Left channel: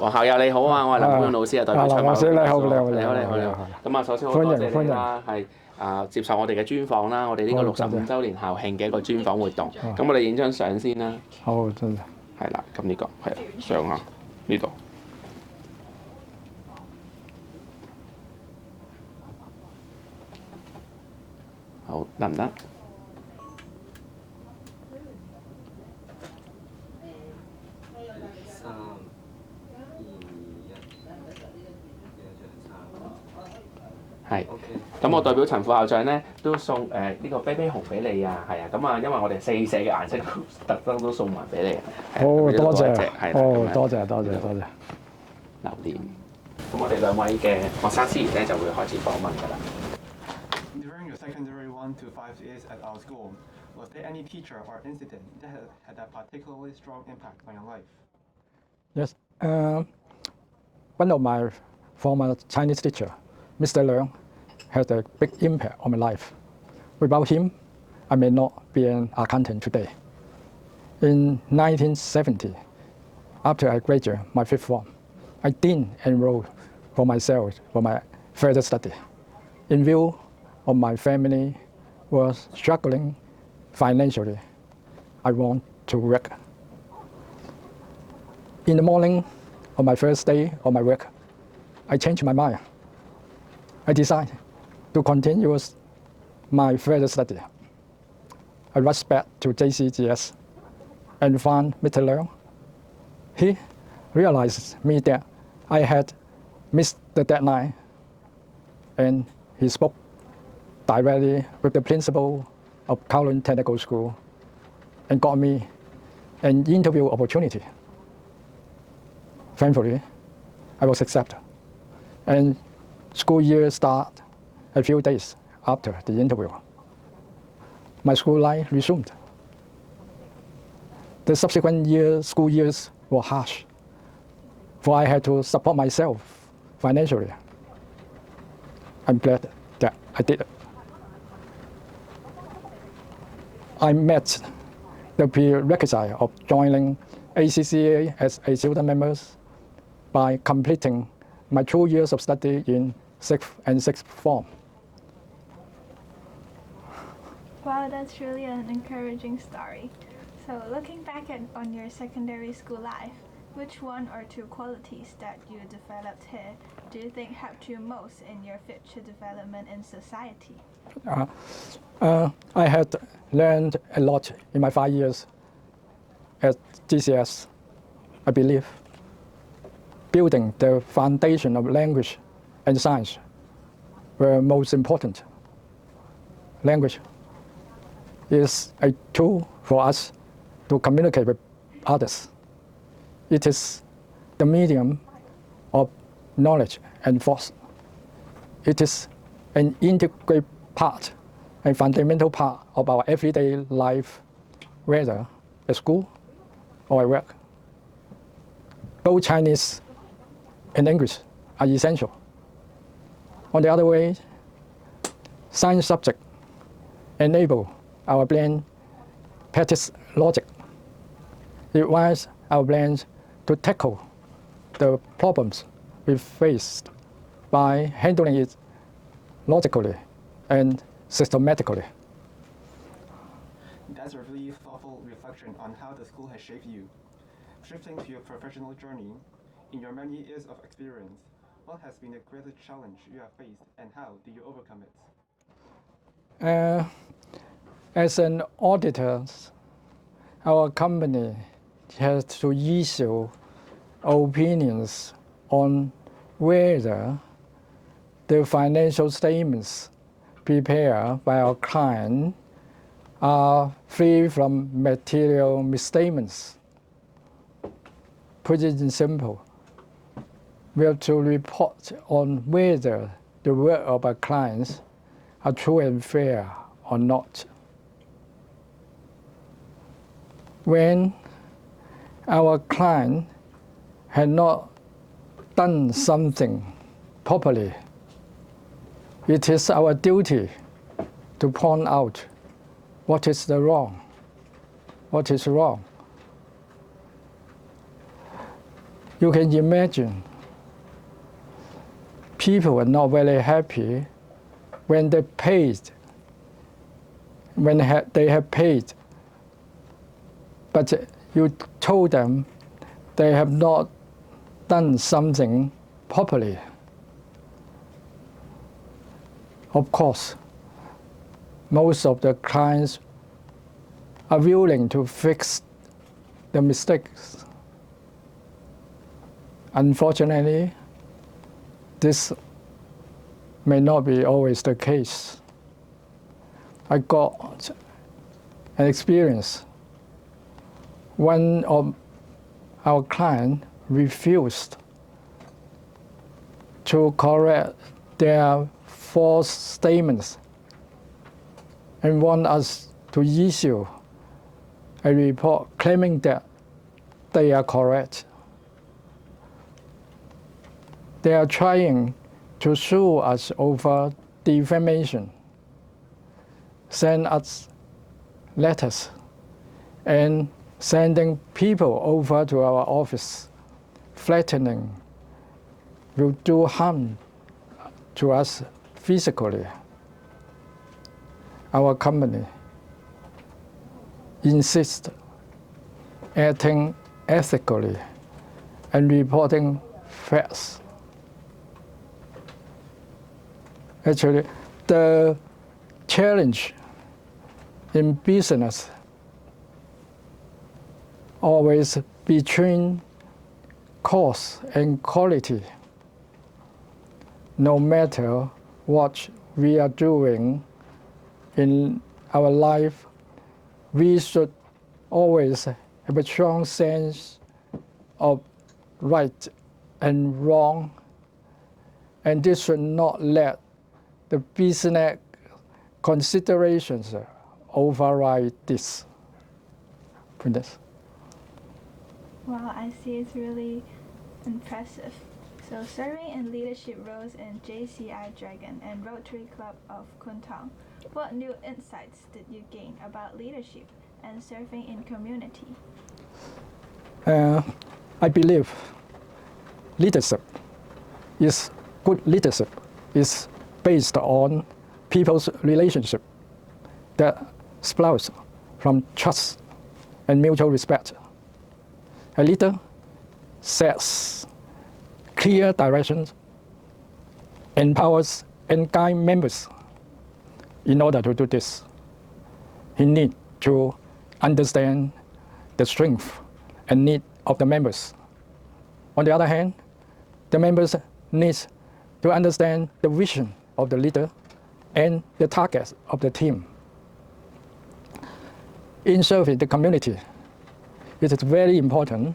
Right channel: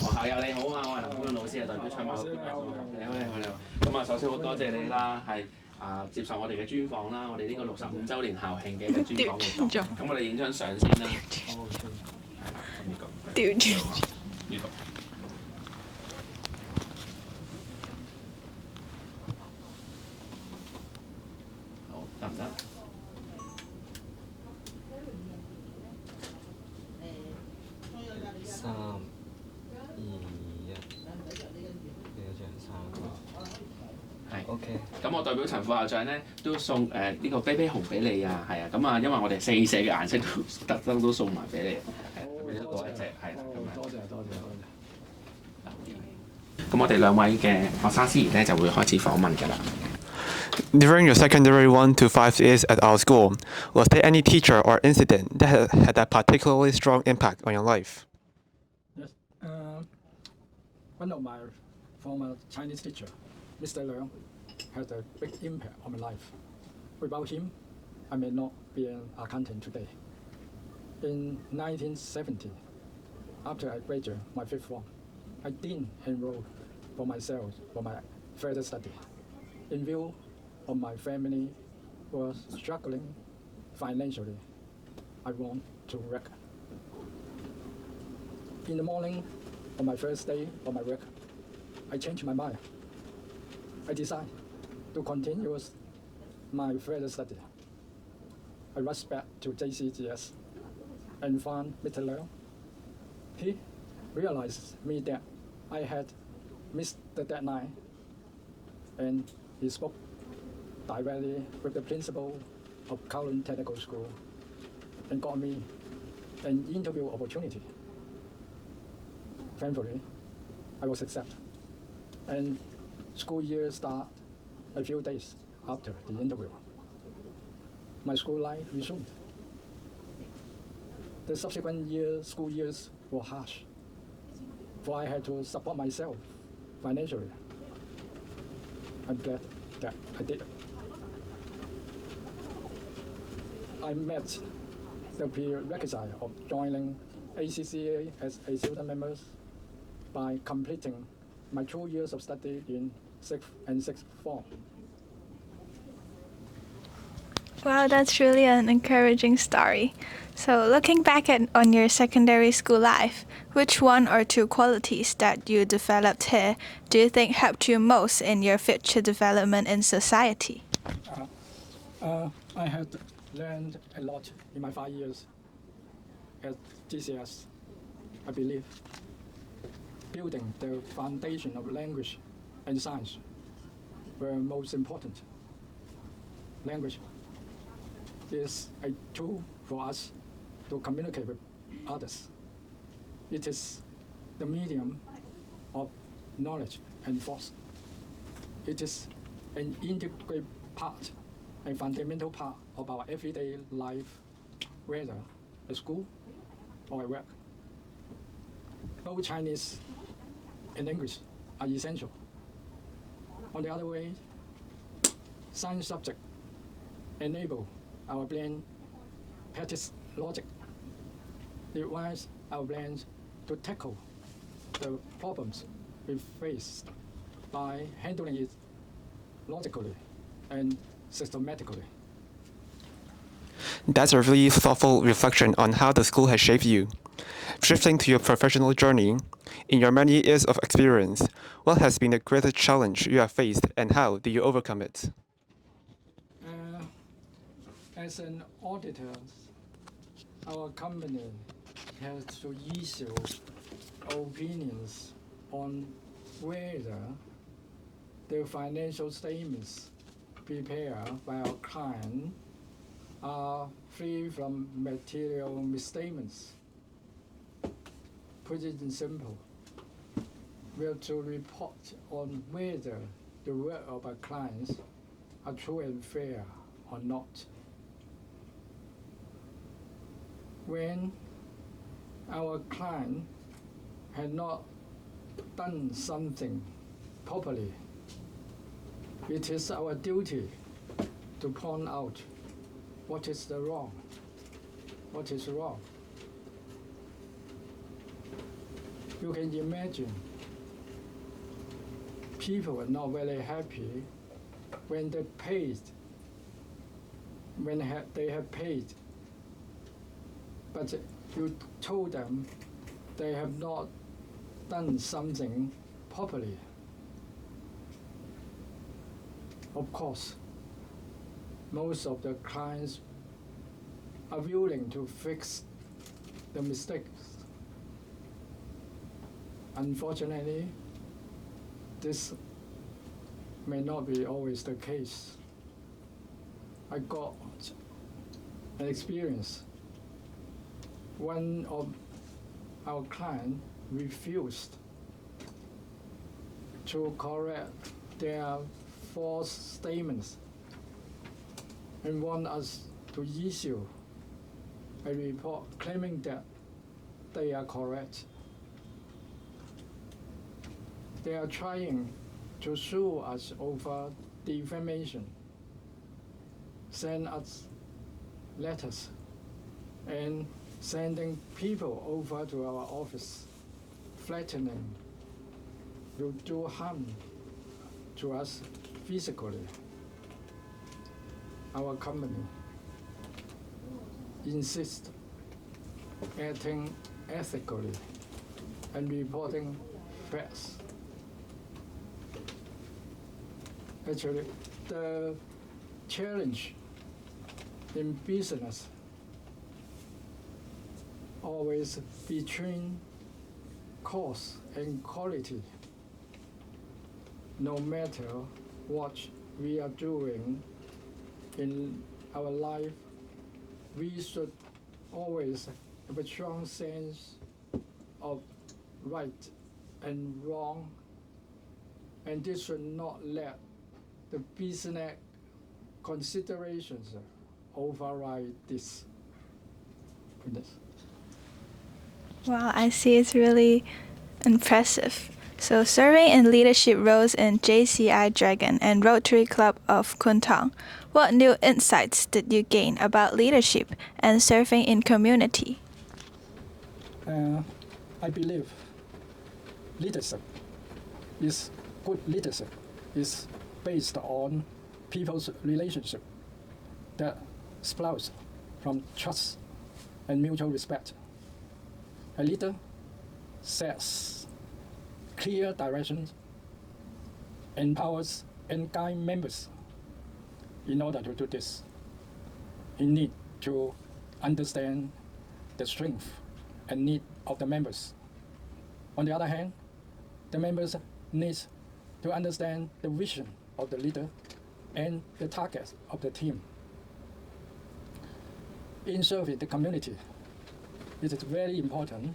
黃校友你好啊，我係林公勇老師啊，代表長馬老師你好，你好。咁啊，首先好多謝你啦，係接受我哋嘅專訪啦，我哋呢個65週年校慶嘅一個專訪活動。咁我哋影張相先啦。好，多謝。係啦，咁呢個係相啊，呢度。好，得唔得？係，咁我代表陳副校長咧都送呢個啤啤熊俾你啊，係啊，咁啊，因為我哋4社嘅顏色都特登都送埋俾你。好，多謝。多謝。留念。咁我哋2位嘅學生司儀咧就會開始訪問㗎啦。During your secondary 1 to 5 years at our school, was there any teacher or incident that had a particularly strong impact on your life? Yes, one of my former Chinese teacher, Mr. Leung, had a big impact on my life. Without him, I may not be an accountant today. In 1970, after I graduated my 5th form, I didn't enroll for myself for my further study. In view of my family was struggling financially, I want to work. In the morning of my first day of my work, I changed my mind. I decided to continue my further study. I rushed back to JCGS and found Mr. Leung. He realized me that I had missed the deadline, and he spoke directly with the principal of Kowloon Technical School and got me an interview opportunity. Thankfully, I was accepted, and school year started a few days after the interview. My school life resumed. The subsequent school years were harsh, for I had to support myself financially. I'm glad that I did it. I met the prerequisite of joining ACCA as a student member by completing my 2 years of study in 6th and 6th form. Wow, that's really an encouraging story. So looking back on your secondary school life, which 1 or 2 qualities that you developed here do you think helped you most in your future development in society? I had learned a lot in my 5 years at GCS. I believe building the foundation of language and science were most important. Language is a tool for us to communicate with others. It is the medium of knowledge and thought. It is an integral part, a fundamental part of our everyday life, whether at school or at work. Both Chinese and English are essential. On the other way, science subject enable our brain practice logic. It requires our brains to tackle the problems we face by handling it logically and systematically. That's a really thoughtful reflection on how the school has shaped you. Shifting to your professional journey, in your many years of experience, what has been the greatest challenge you have faced and how did you overcome it? As an auditor, our company has to issue opinions on whether the financial statements prepared by our client are free from material misstatements. Put it in simple, we have to report on whether the work of our clients are true and fair or not. When our client had not done something properly, it is our duty to point out what is wrong. You can imagine people are not very happy when they paid, when they have paid, but you told them they have not done something properly. Of course, most of the clients are willing to fix the mistakes. Unfortunately, this may not be always the case. I got an experience. One of our clients refused to correct their false statements and want us to issue a report claiming that they are correct. They are trying to sue us over defamation, send us letters, and sending people over to our office, threatening will do harm to us physically. Our company insists acting ethically and reporting facts. Actually, the challenge in business always between cost and quality. No matter what we are doing in our life, we should always have a strong sense of right and wrong, and this should not let the business considerations override this. Wow, I see. It's really impressive. So, serving in leadership roles in JCI Dragon and Rotary Club of Kwun Tong, what new insights did you gain about leadership and serving in community? I believe good leadership is based on people's relationship that sprouts from trust and mutual respect. A leader sets clear directions, empowers and guides members. In order to do this, he needs to understand the strength and need of the members. On the other hand, the members need to understand the vision of the leader and the targets of the team. In serving the community, it is very important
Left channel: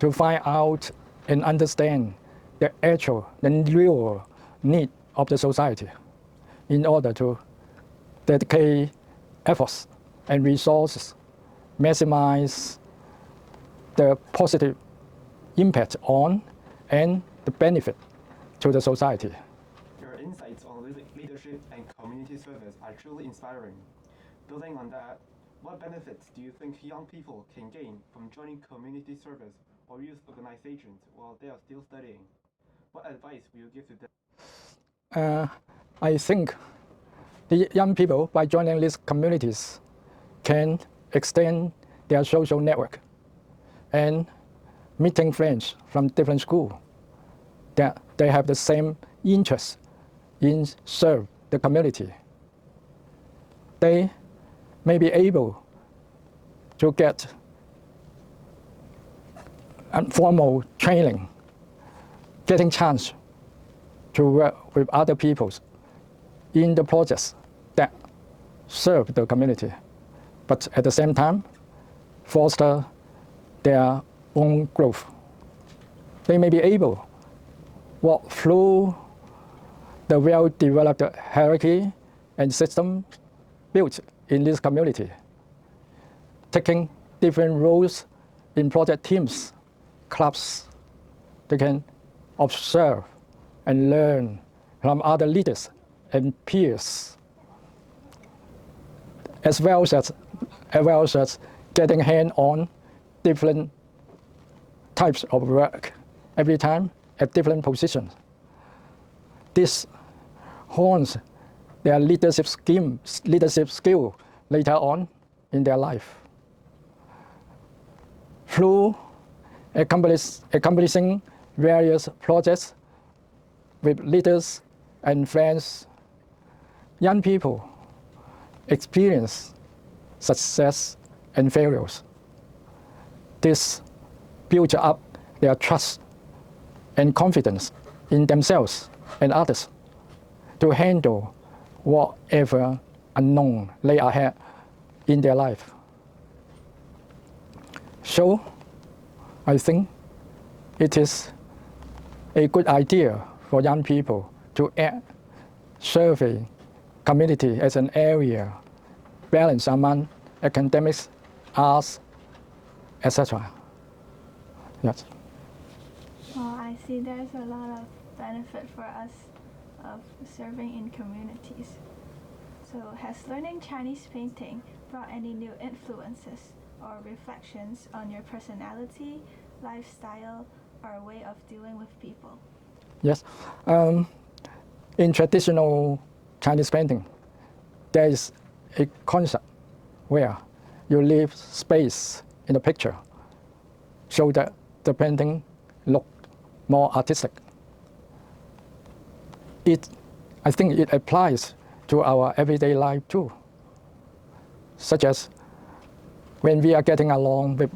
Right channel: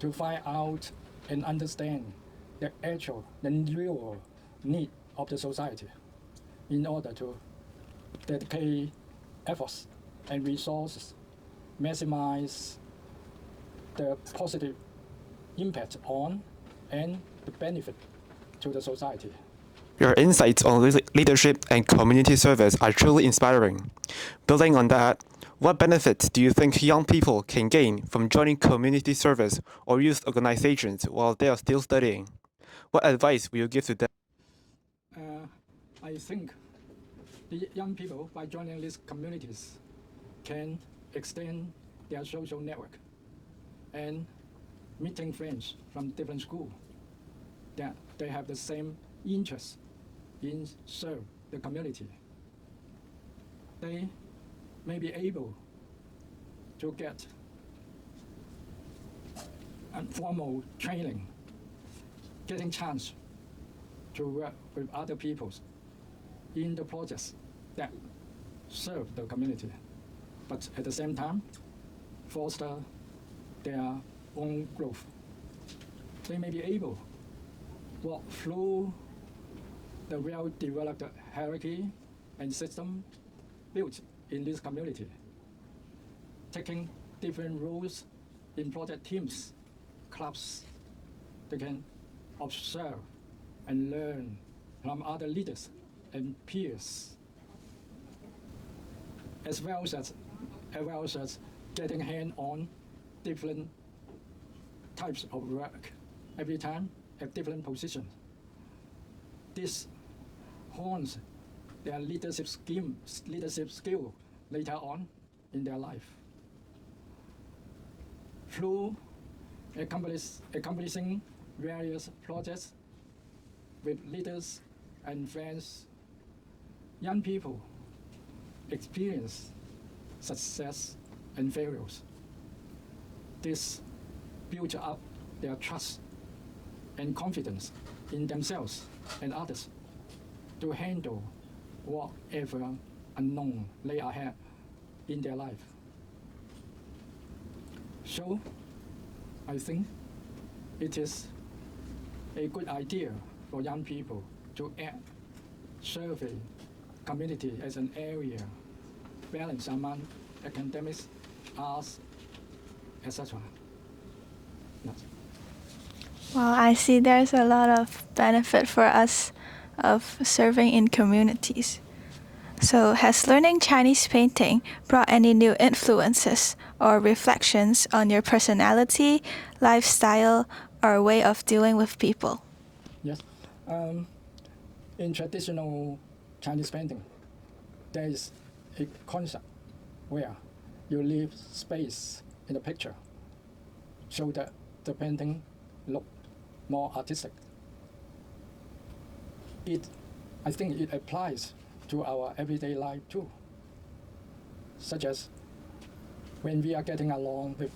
to find out and understand the actual and real need of the society in order to dedicate efforts and resources, maximize the positive impact on and the benefit to the society. Your insights on leadership and community service are truly inspiring. Building on that, what benefits do you think young people can gain from joining community service or youth organizations while they are still studying? What advice will you give to them? I think the young people, by joining these communities, can extend their social network and meeting friends from different schools that they have the same interest in serve the community. They may be able to get formal training, getting chance to work with other people in the projects that serve the community, but at the same time foster their own growth. They may be able to walk through the well-developed hierarchy and system built in this community, taking different roles in project teams, clubs. They can observe and learn from other leaders and peers, as well as getting hands-on different types of work every time at different positions. This hones their leadership skill later on in their life. Through accomplishing various projects with leaders and friends, young people experience success and failures. This builds up their trust and confidence in themselves and others to handle whatever unknown lay ahead in their life. So, I think it is a good idea for young people to add serving community as an area, balance among academics, arts, etc. Yes. Well, I see there's a lot of benefit for us of serving in communities. So, has learning Chinese painting brought any new influences or reflections on your personality, lifestyle, or way of dealing with people? Yes. In traditional Chinese painting, there is a concept where you leave space in the picture so that the painting looks more artistic. I think it applies to our everyday life too, such as when we are getting along with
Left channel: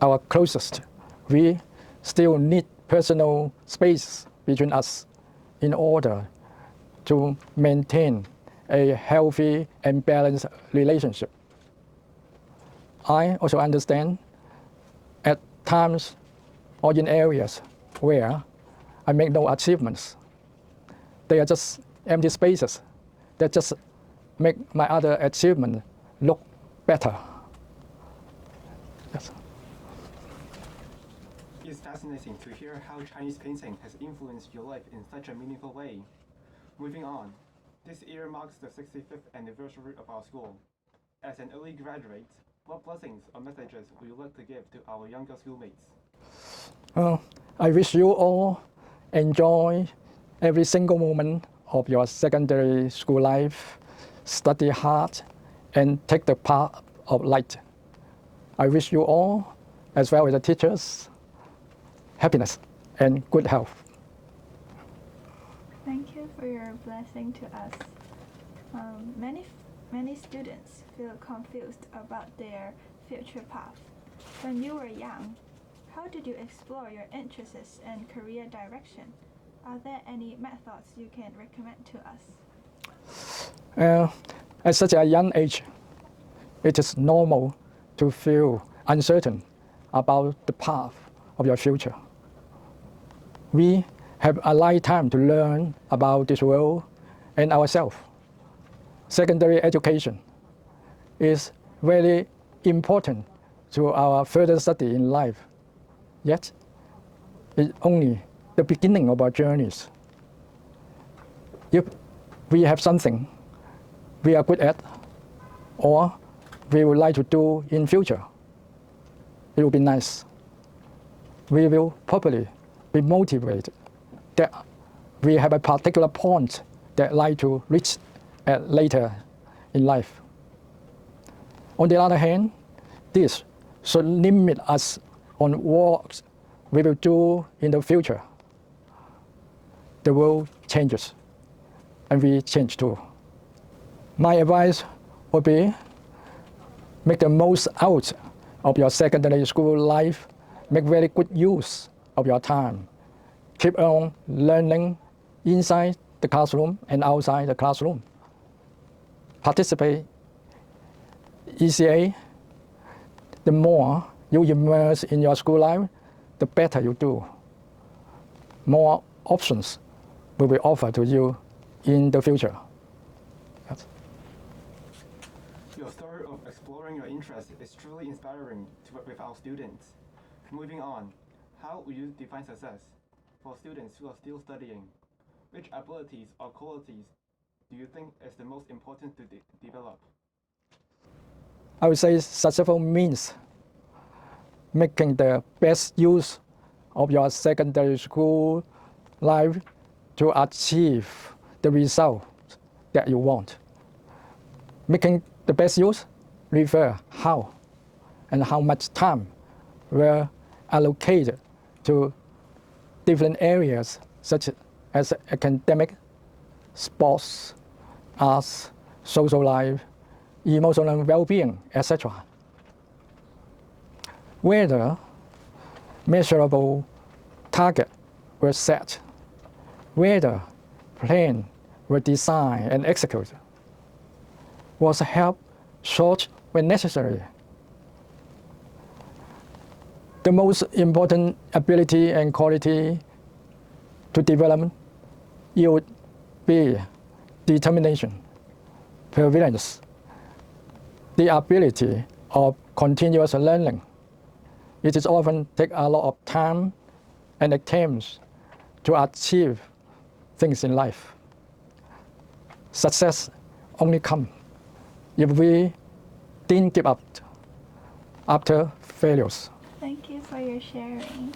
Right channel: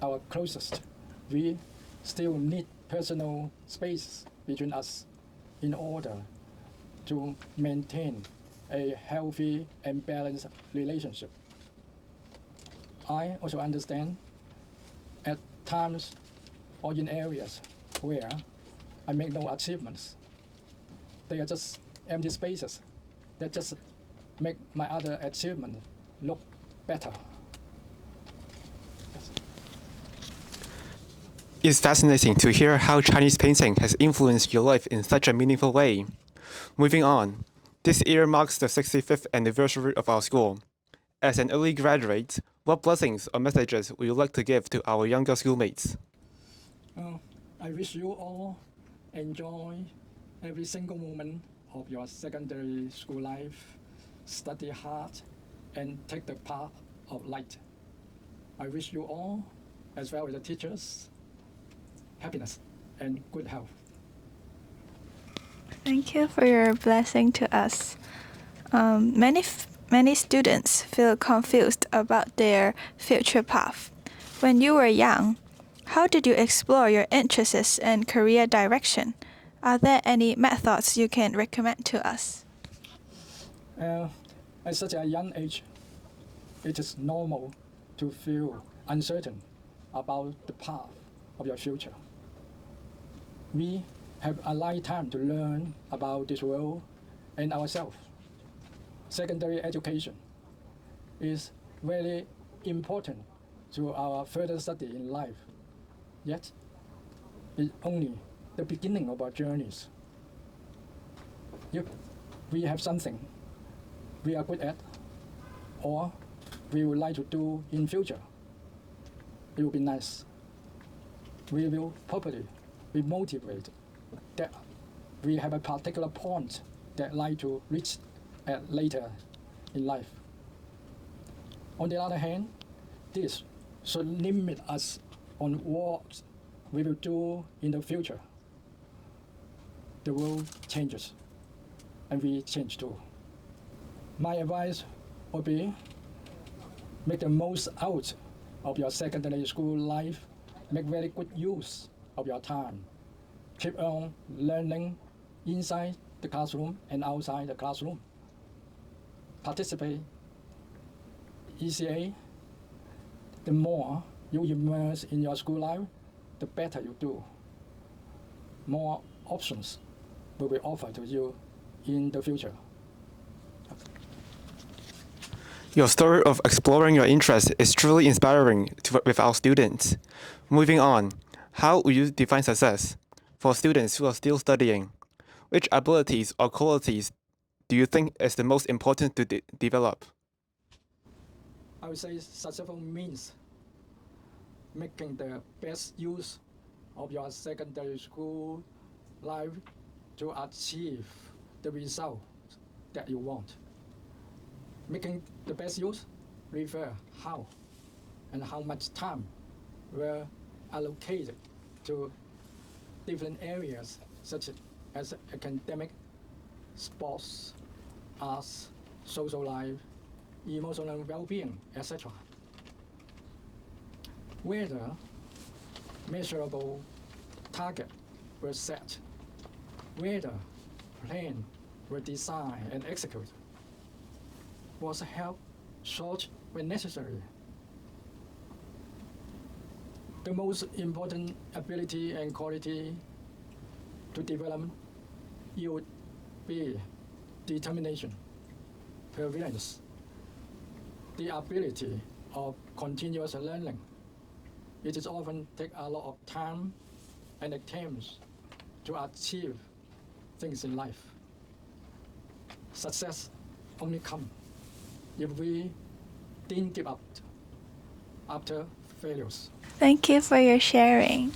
our closest, we still need personal space between us in order to maintain a healthy and balanced relationship. I also understand at times or in areas where I make no achievements, they are just empty spaces that just make my other achievement look better. Yes. It's fascinating to hear how Chinese painting has influenced your life in such a meaningful way. Moving on, this year marks the 65th anniversary of our school. As an early graduate, what blessings or messages would you like to give to our younger schoolmates? I wish you all enjoy every single moment of your secondary school life, study hard, and take the path of light. I wish you all, as well as the teachers, happiness and good health. Thank you for your blessing to us. Many students feel confused about their future path. When you were young, how did you explore your interests and career direction? Are there any methods you can recommend to us? At such a young age, it is normal to feel uncertain about the path of your future. We have a lifetime to learn about this world and ourselves. Secondary education is very important to our further study in life. Yet, it's only the beginning of our journeys. If we have something we are good at or we would like to do in future, it will be nice. We will probably be motivated that we have a particular point that like to reach at later in life. On the other hand, this should limit us on what we will do in the future. The world changes, and we change too. My advice would be make the most out of your secondary school life, make very good use of your time. Keep on learning inside the classroom and outside the classroom. Participate ECA. The more you immerse in your school life, the better you do. More options will be offered to you in the future. Your story of exploring your interests is truly inspiring with our students. Moving on, how would you define success for students who are still studying? Which abilities or qualities do you think is the most important to develop? I would say successful means making the best use of your secondary school life to achieve the result that you want. Making the best use, refer how and how much time were allocated to different areas such as academic, sports, arts, social life, emotional well-being, etc. Whether measurable targets were set, whether plans were designed and executed, was help short when necessary. The most important ability and quality to develop would be determination, perseverance, the ability of continuous learning. It is often take a lot of time and attempts to achieve things in life. Success only comes if we didn't give up after failures. Thank you for your sharing.